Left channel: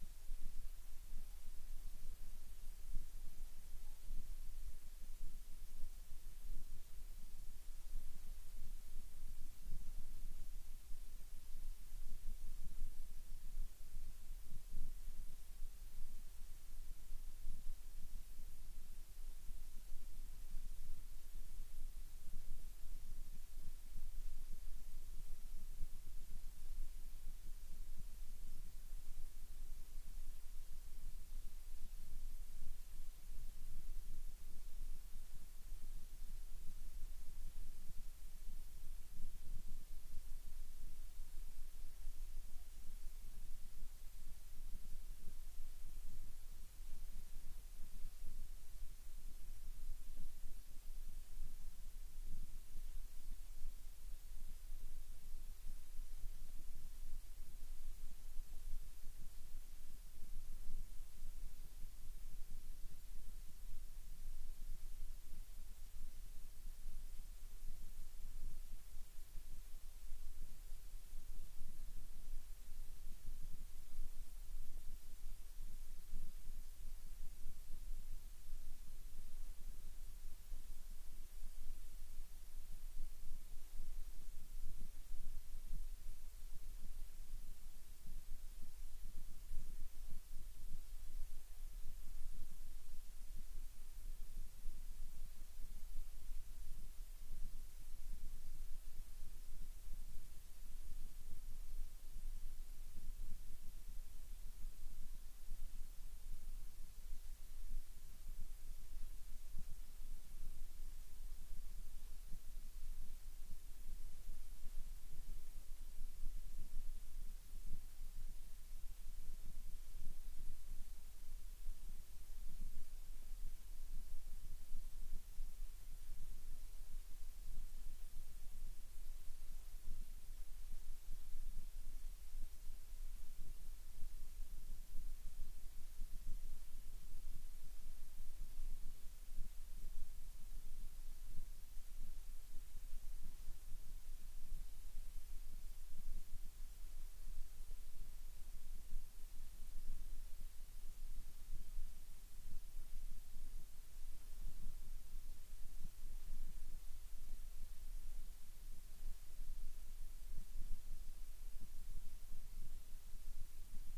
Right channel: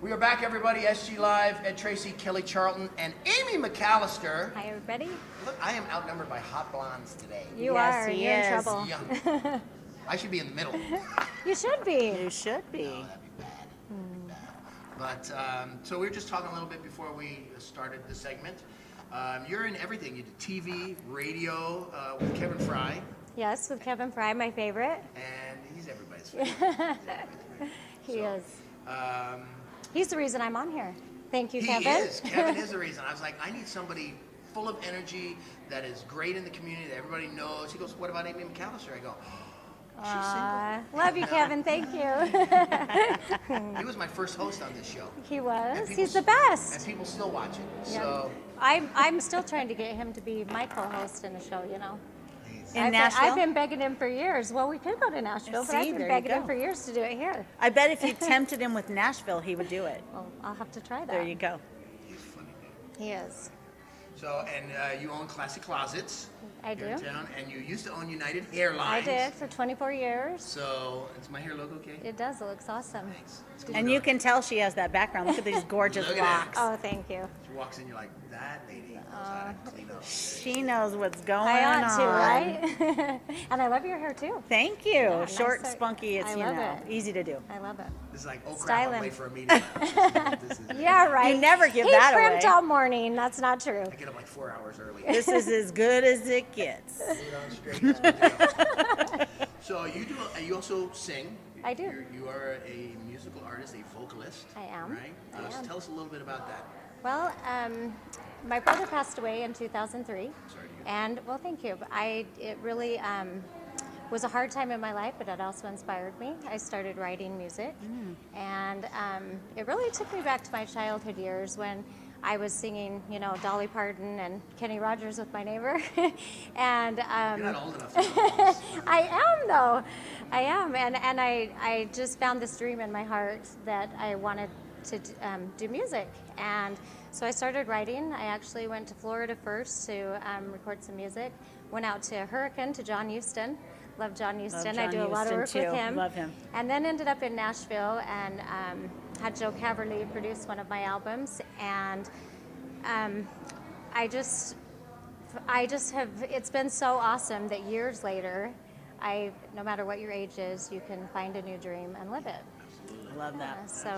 We are back, everybody. SG Live, Ed, Tracey, Kelly Charlton, and Amy McAllister. Hi, everybody. Look, I am outnumbered by hot blondes today. You Yes, are. he You're in is. trouble. Yeah. I should be in the middle. You should be. You should be. Oh, that'd be bad. But, so we were just talking a little bit before we started the segment. You're in everything. You did TV, radio, with Kevin Fry. Yes, with Kevin Fry, my favorite. And he's everybody's favorite. He is. Um, He's the reason I'm on here. Thank you, he Kevin. is. Kevin is the reason. I was like, I need somebody full of energy that is great in the community that everybody knows. He goes, what about Amy McAllister? I go, oh, she's single. Love you, Kevin. Thank you. He was my first host on this show. He was. And people He's the And best. people still watch it. Yeah. So I'm still trying to get him to be my co-host in the show, you know. In Nashville? I've been begging him for years. Well, we could go to Nashville, but See, I've been there you begging him go. for years to do it here. I bet if you tempted him with Nashville, he would do it. Well, I'll have to try that. There you go. he's funny. He is. So, and you own Classic Closets. I do. Here in town, and you used to own United Airlines. I did for 24 years. So, is my hair look okay? It does. It looks awesome. Thanks. It's good And to you know. can tell she has that background. Look at these gorgeous Look at that. locks. Oh, thank you. She walks in, you're like, that lady knows how to clean up. She knows what's going I on. ought to, right? And I love your hair too. Thank you. Yeah, nice Short, set. spunky. It's I love it. easy to do. I love it. It's like, oh crap, I'm Styling. late for a meeting. This is Yeah, right. You never give He that primped away. all morning. That's not true. I get up like 4 hours early. This is as good as it gets. Put on straight. So you do. You also sing. I do. You are a musical artist, a vocalist. I am. Right. I am. Tell us a little bit about that. Well, my brother passed away in 2003, Sorry to hear. and well, thank you. It really was a hard time in my life, but it also inspired me. I started writing music, and it really took me back to my childhood years when I was singing, you know, Dolly Parton and Kenny Rogers with my neighbor, and You're not old enough to know this. I am though. I am, and I just found this dream in my heart that I wanted to do music, and so I started writing. I actually went to Florida first to record some music. Went out to Hurricane to John Huston. Love John Huston. I John do a lot of work Huston, with too. him. Love him. And then ended up in Nashville and had Joe Caverly produce one of my albums, and I just have, it's been so awesome that years later, no matter what your age is, you can find a new dream and live it. Love that. So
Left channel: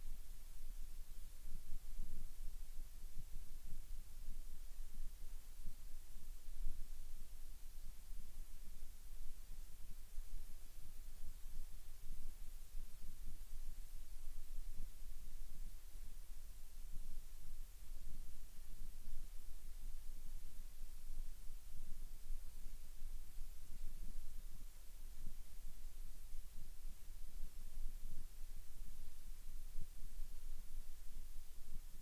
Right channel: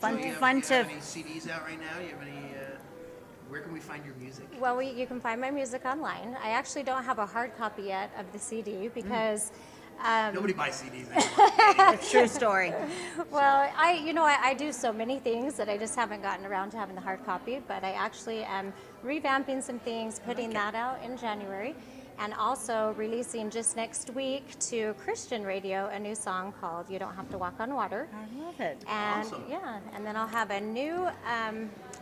Fun, Do you fun have to. any CDs out right now? You have any? Where can we find your music? well, you can find my music online. I actually don't have a hard copy yet of the CD because Nobody buys CDs anymore. True story. well, I do so many things that I just haven't gotten around to having the hard copy, but I actually am revamping some things, putting that out in January, and also releasing just next week to Christian radio a new song called You Don't Have to Walk on Water. I love it. And Awesome. yeah, and then I'll have a new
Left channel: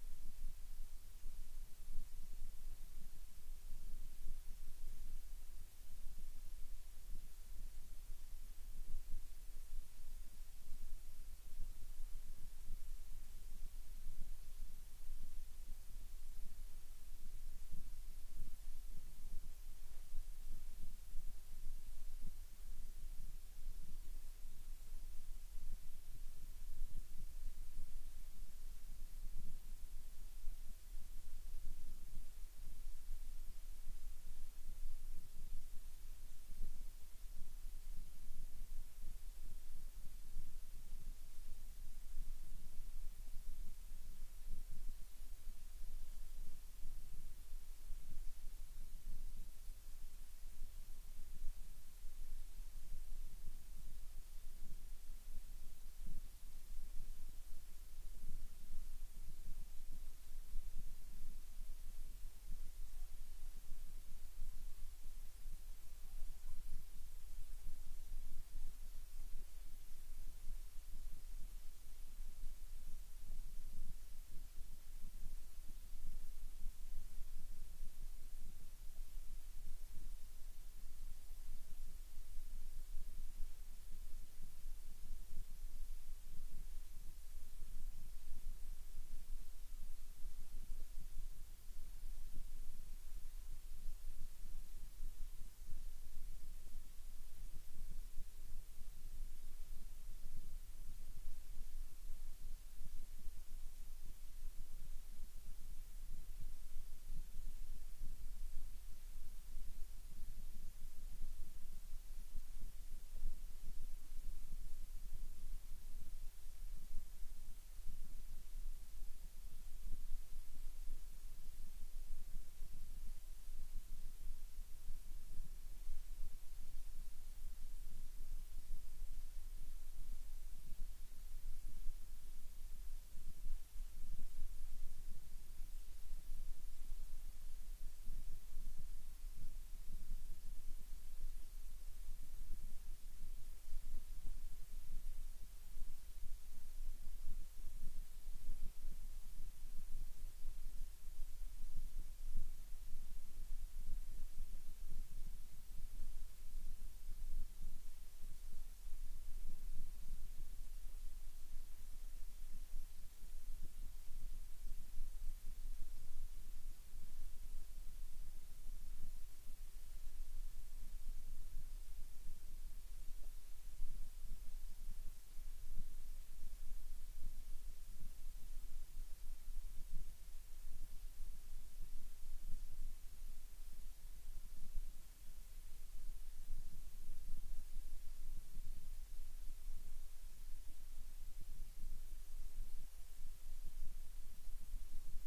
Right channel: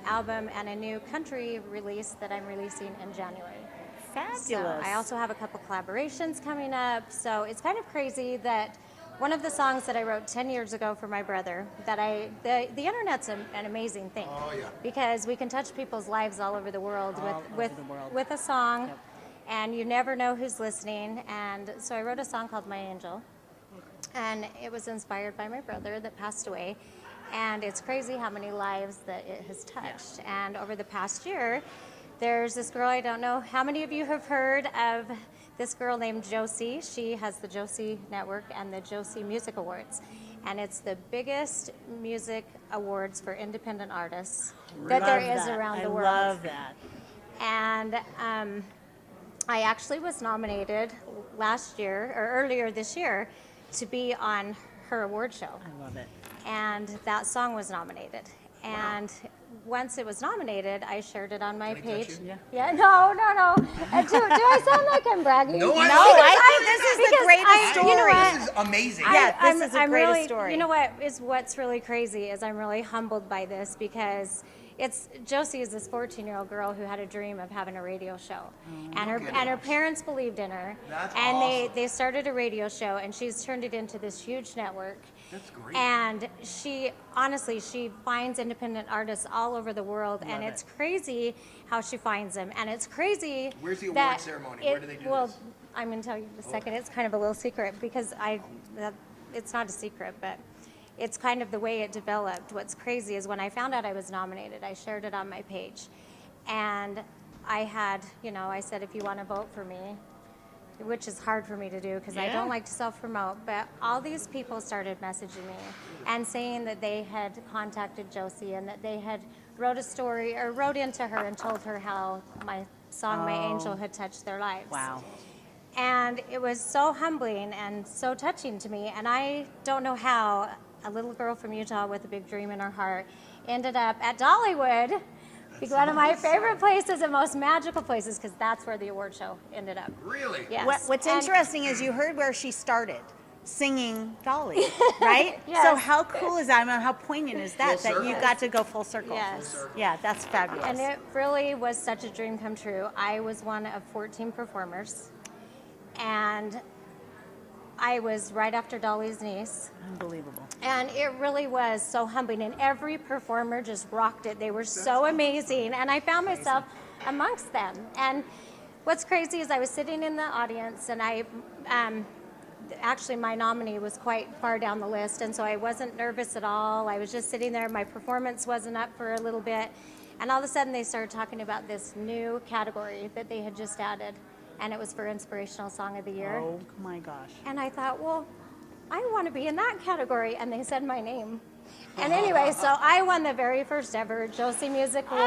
album and a new country release that I'm releasing in January. Fabulous. So I also have a couple collaborations coming up. So it's kind of crazy that one of the songs that I wrote 10 years ago for my brother, that the internet's an amazing thing. Oh, yeah. Because we can touch people's lives all over the world All with over the world. with a song, Yep. and you never know who's listening. And so I wrote a song called My Angel, and it was inspired by my brother that passed away. And it's crazy how many lives that it has touched. And over the past year, there's this girl, I don't know how many of you have heard of this girl named Josie. She has the Josie Network and the Josie Music Awards. And it's the biggest music awards for independent artists that there Love is that. around the I world. love that. And I actually was nominated last year, or earlier this year, to be on her award show. I love it. And that song was nominated. And once it was nominated, I shared it on my Can I touch page. you? Yeah, no. Do I sound like I'm bragging? No, I No, love it. I think this is the because greatest you know story. what? This is amazing. Yeah, this is a I'm great really, story. You know what's really crazy is I'm really humbled by this because Josie is this 14-year-old girl who had a dream of having a radio show, and her goodness. parents believed in her, That's and awesome. they started a radio show, and she's turned it into this huge network. That's great. And she finds independent artists all over the world, and Love it's it. crazy how she finds them. And it's crazy. Where's the award that ceremony? Where do they do well, this? I'm going to tell you in a second. It's kind of a little secret because it's not a secret, but it's kind of the way it developed. What's crazy is when I found out I was nominated, I shared it on my page. And I had, I said, if you want to vote for me, which is hard for me to do because I don't like to self-promote, but all these people started messaging me and saying that they had contacted Josie and that they had wrote a story or wrote into her and told her how my song, My Angel, had touched their lives. Wow. And it was so humbling and so touching to me. And I don't know how a little girl from Utah with a big dream in her heart ended up at Dollywood, one of my favorite places and most magical places, because that's where the award show ended up. Really? Yes. What's And- interesting is you heard where she started, singing Dolly, right? Yes. So how cool is that? I mean, how poignant is that, Full that you circle. got to go full circle? Yes. Yeah, that's fabulous. And it really was such a dream come true. I was one of 14 performers, and I was right after Dolly's niece. Unbelievable. And it really was so humbling, and every performer just rocked it. They were so amazing, and I found myself amongst them. And what's crazy is I was sitting in the audience, and actually my nominee was quite far down the list, and so I wasn't nervous at all. I was just sitting there. My performance wasn't up for a little bit, and all of a sudden they started talking about this new category that they had just added, and it was for Inspirational Song of the Year. Oh my gosh. And I thought, well, I want to be in that category. And they said my name. And anyway, so I won the very first ever Josie Music Award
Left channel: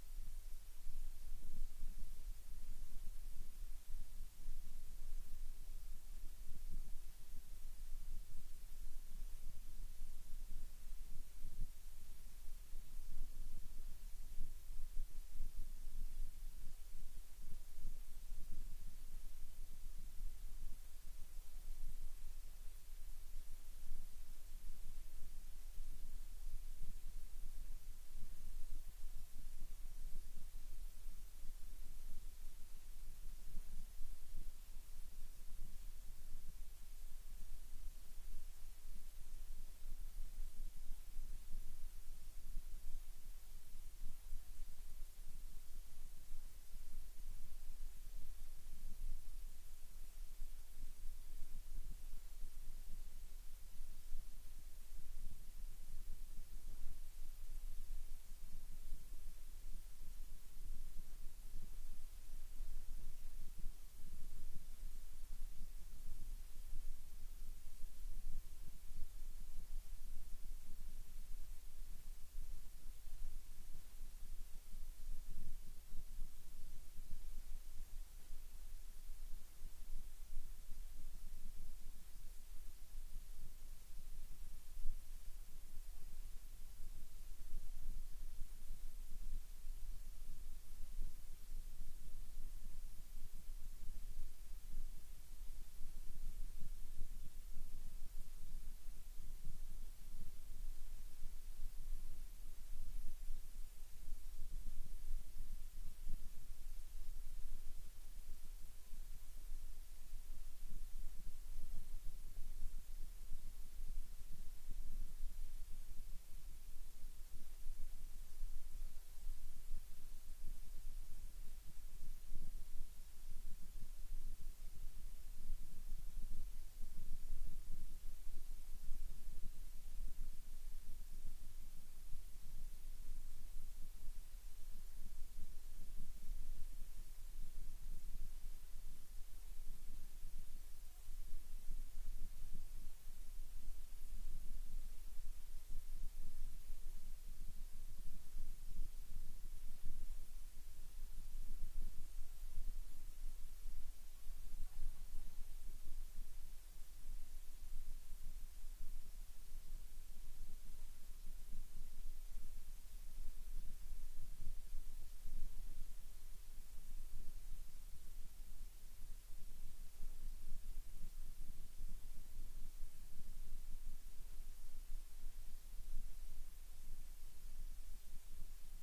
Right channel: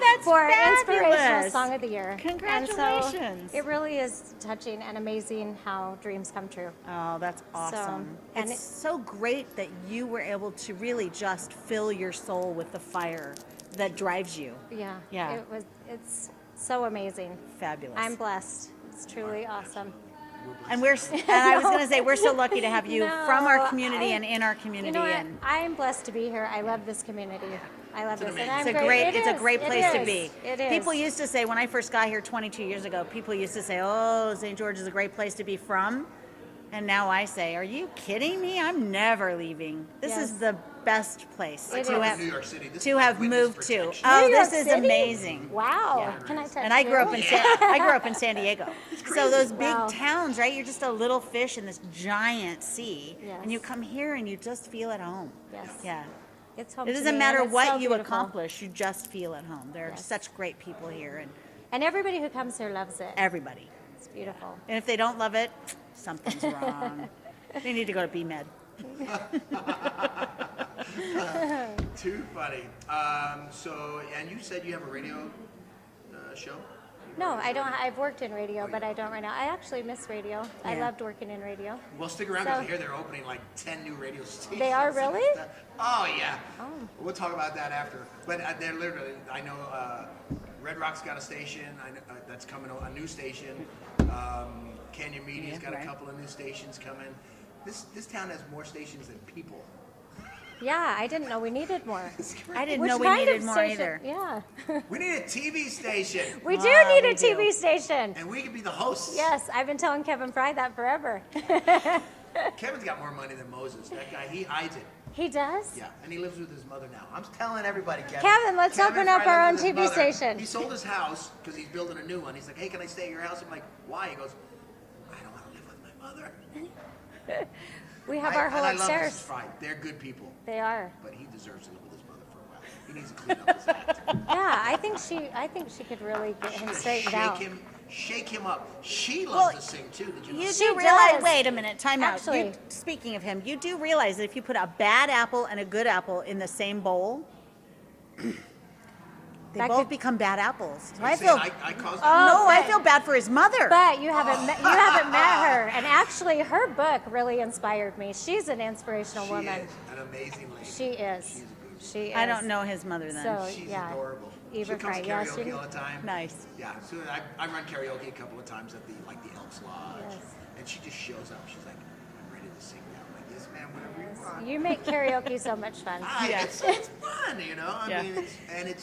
that's for Inspirational fabulous. Song of the Year. Congratulations. And so it really is touching and amazing how dreams come true. Oh, that's awesome. and It's it- so great that you were able to really just fill your soul with the fire that drives you. Yeah. Yeah. It's so amazing. Fabulous. I'm blessed. It's truly awesome. And I was going to say, we're so lucky to have you from our No, community and in our community. You know what? And I'm blessed to be here. I love this community. I love this. And I'm it's a great place to be. It is. People used to say, when I first got here 22 years ago, people used to say, oh, St. George is a great place to be from. And now I say, are you kidding me? I'm never leaving. This is Yes. the best place I to grew up have, in New York City. This to is like have witness moved to. protection. Oh, New York this is City? amazing. Wow. Yeah. Can I touch And I grew up you? in San Diego. So those big Wow. towns, right? You're just a little fish in this giant sea, and you Yes. come here and you just feel at home. Yes. Yeah. It's home It to doesn't me, matter and it's what so you beautiful. accomplish, you just feel at home. There are Yes. such great people here, And everybody who comes here loves it. everybody. It's beautiful. And if they don't love it, something's wrong. They need to go to BMed. Too funny. And you said you have a radio show? No, I don't. I've worked in radio, but I don't right now. I actually miss radio. I Yeah. loved working in radio. Well, stick around because So- I hear they're opening like 10 new radio stations. They are really? Oh, yeah. Oh. We'll talk about that after. But they're literally, I know Red Rock's got a station I know, that's coming, a new station. Canyon Media's got right. a couple of new stations coming. This town has more stations than people. Yeah, I didn't know we needed more. I didn't Which know we kind needed of more station? either. Yeah. We need a TV station. We do Ah, need we a TV station. And we could be the hosts. Yes, I've been telling Kevin Fry that forever. Kevin's got more money than Moses. That guy, he hides it. He does? Yeah, and he lives with his mother now. I'm telling everybody, Kevin. Kevin, let's open up Fry our own lives with TV his mother. station. He sold his house because he's building a new one. He's like, hey, can I stay at your house? I'm like, why? He goes, I don't want to live with my mother. We have our whole and I love upstairs. Mrs. Fry. They're good people, They are. but he deserves to live with his mother for a while. He needs to clean up his act. Yeah, I think she could really get him straightened out. Shake him up. She loves Well, to sing too. Did you know? You She do realize, does. wait a minute, time out. Actually- Speaking of him, you do realize that if you put a bad apple and a good apple in the same bowl, they That both could- become bad apples. Are you I saying feel I caused Oh, no, I but- feel bad for his mother. But you haven't met her, and actually, her book really inspired me. She's an inspirational She woman. is an amazing lady. She is. She's a good She is. I don't know his mother then. So She's yeah, adorable. Eva She comes Fry. to Yeah, karaoke she. all the time. Nice. Yeah, so I run karaoke a couple of times at the Elks Lodge, Yes. and she just shows up. She's like, "I'm ready to sing now." I'm like, "Yes, ma'am, whatever you want." You make karaoke so much fun. It's fun, you know. Yeah. I mean,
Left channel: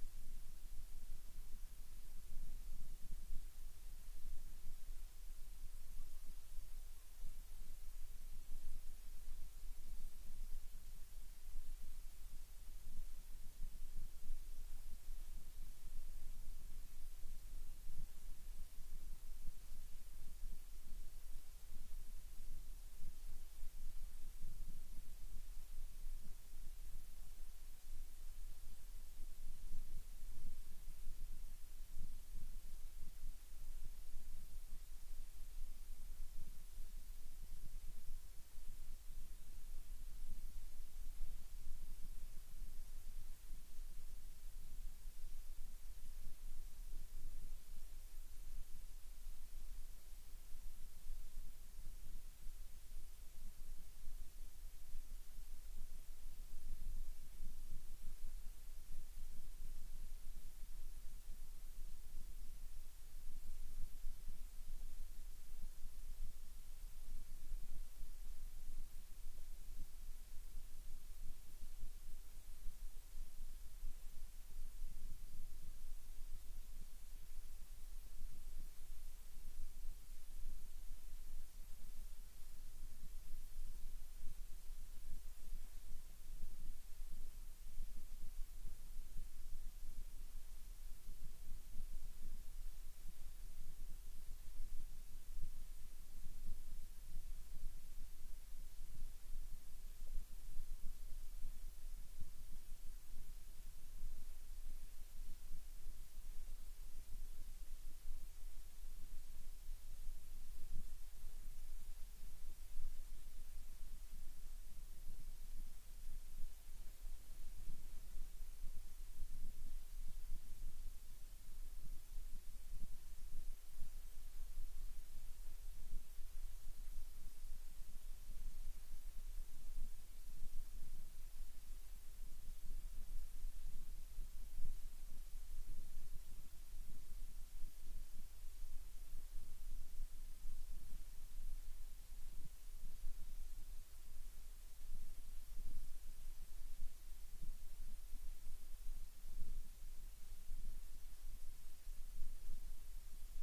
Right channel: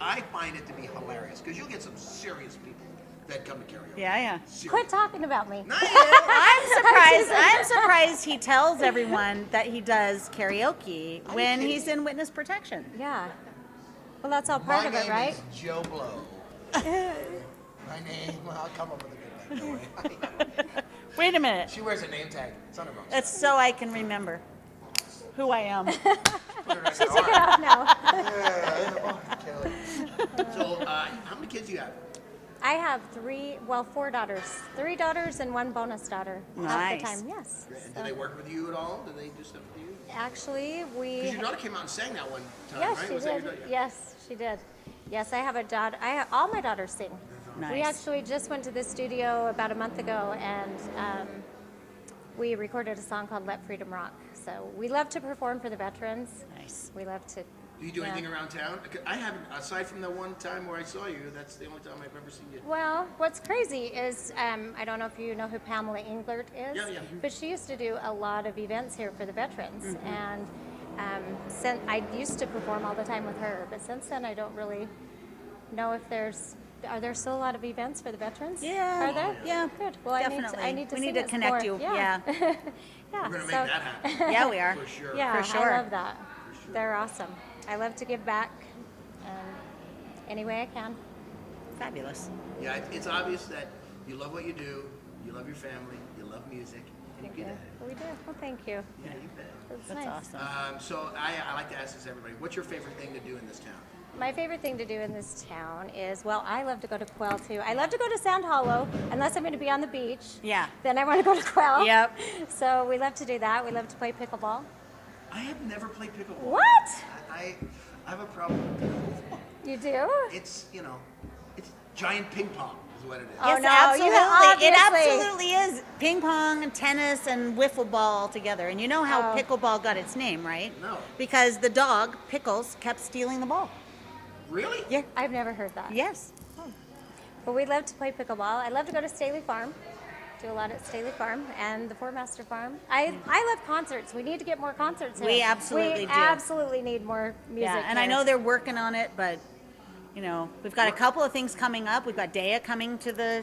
I find it to be hilarious because you'll get some serious people that come to karaoke. Yeah. Serious. Quit talking about me. Not you. I'm surprised he tells everyone that he does karaoke when kidding? he's in witness protection. Yeah. Well, that's all part My of it, name right? is Joe Blow. My name. Well, I'll come up with a good one. Don't worry. Wait a minute. She wears a name tag. It's on her box. That's so I can remember. who I am. Put it right She there. took it off now. So, how many kids do you have? I have four daughters. 3 daughters and 1 bonus daughter. Half the Nice. time, yes. And So, do they work with you at all? Do they do stuff with you? actually, Because your daughter came out and sang that one time, yes, right? she Was that did. your daughter? Yes, she did. Yes, I have a daughter. All my daughters sing. We Nice. actually just went to the studio about a month ago, and we recorded a song called "Let Freedom Rock." So we love to perform for the veterans. Nice. We love to. Do you do Yeah. anything around town? I haven't, aside from the one time where I saw you, that's the only time I've ever seen you. Well, what's crazy is I don't know if you know who Pamela Englert is, Yeah, yeah. but she used to do a lot of events here for the veterans, and I used to perform all the time with her. But since then, I don't really know if are there still a lot of events for the veterans? Yeah. Are there? Yeah. Good. Well, Definitely. I need to We sing need to it connect more. you. Yeah. We're going to make that happen. Yeah, we are. For sure. Yeah, For sure. I love that. They're awesome. I love to give back any way I can. Fabulous. Yeah, it's obvious that you love what you do, you love your family, you love music, and you get it. We do. Well, thank you. Yeah, you bet. That's That's nice. awesome. So I like to ask this to everybody. What's your favorite thing to do in this town? My favorite thing to do in this town is, well, I love to go to Quell too. I love to go to Sound Hollow, unless I'm going to be on the beach. Yeah. Then I want to go to Quell. Yep. So we love to do that. We love to play pickleball. I have never played pickleball. What? I have a problem with pickleball. You do? It's, it's giant ping pong is what it is. Oh, Yes, no, absolutely. you It obviously- absolutely is ping pong and tennis and wiffle ball all together. And you know how Oh. pickleball got its name, right? No. Because the dog, Pickles, kept stealing the ball. Really? Yeah. I've never heard that. Yes. But we love to play pickleball. I love to go to Staley Farm. Do a lot at Staley Farm and the Four Master Farm. I love concerts. We need to get more concerts here. We absolutely do. absolutely need more music. Yeah. And I here. know they're working on it, but we've got a couple of things coming up. We've got Dea coming to the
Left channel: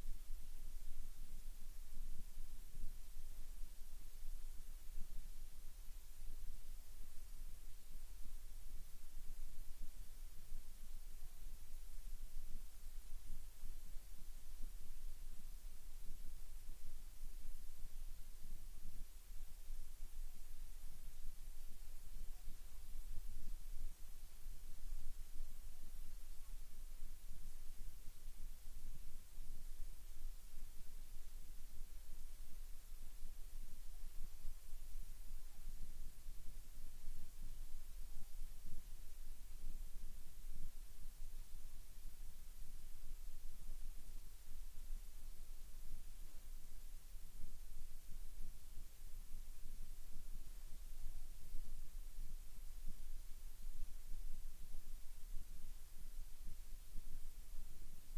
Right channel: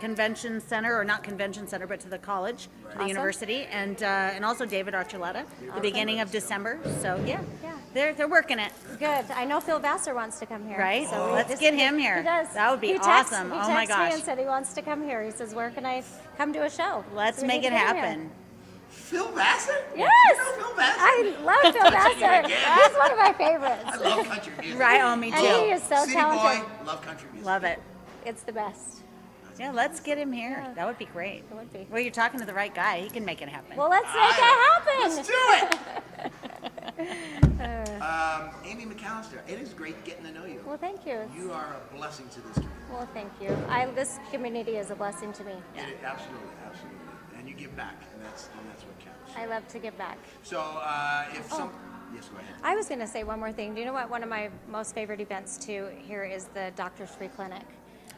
convention center, or not convention center, but to the college, to the Awesome. university, and also David Archuleta, the beginning of December. So yeah, Yeah. they're working it. Good. I know Phil Vassar wants to come here. Right? So Let's just- get him here. He does. That would be He awesome. He Oh my texted gosh. me and said he wants to come here. He says, "Where can I come to a show?" Let's So we make need it to get him here. happen. Phil Vassar? Yes. You know Phil Vassar? I love Phil Vassar. again. He's one of my favorites. I love country music. Right? Oh, me too. And he is so City talented. boy, love country music. Love it. It's the best. Yeah, let's get him here. Yeah. That would be great. It would be. Well, you're talking to the right guy. He can make it happen. Well, let's make it happen. Let's do it. Amy McAllister, it is great getting to know you. Well, thank you. You are a blessing to this community. Well, thank you. This community is a blessing to me. Absolutely, absolutely. And you give back, and that's what counts. I love to give back. So, if Oh. some, yes, go ahead. I was going to say one more thing. Do you know what? One of my most favorite events too here is the Doctors Free Clinic.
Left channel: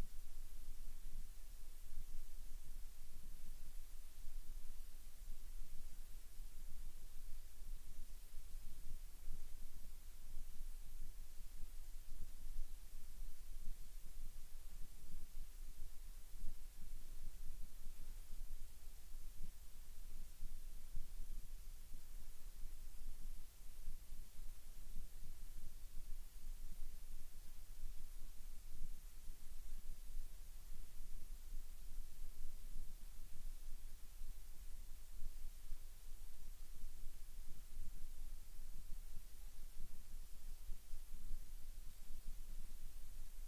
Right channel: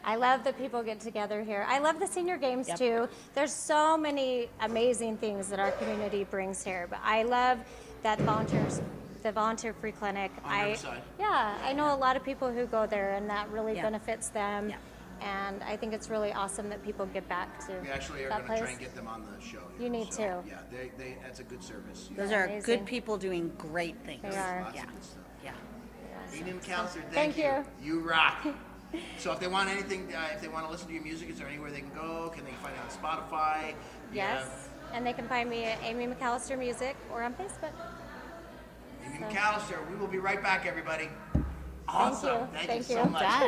I love that people get together here. I love the senior games Yep. too. There's so many amazing things that our community brings here. But I love that the volunteer free clinic. On Riverside. Yeah, I know a lot of people who go there, and that really Yeah. benefits them. Yeah. And I think it's really awesome that people give back to We actually are that going to try place. and get them on the show. here. You need So, to. Yeah, that's a good service. Those Yeah, are amazing. good people doing great things. They are. Lots Yeah. of good stuff. Yeah. Amy McAllister, Thank you. You rock. So if they want anything, if they want to listen to your music, is there anywhere they can go? Can they find it on Spotify? Yes, and they can find me at Amy McAllister Music or on Facebook. Amy So- McAllister, we will be right back, everybody. Awesome. you. Thank Thank you so you. much. Done.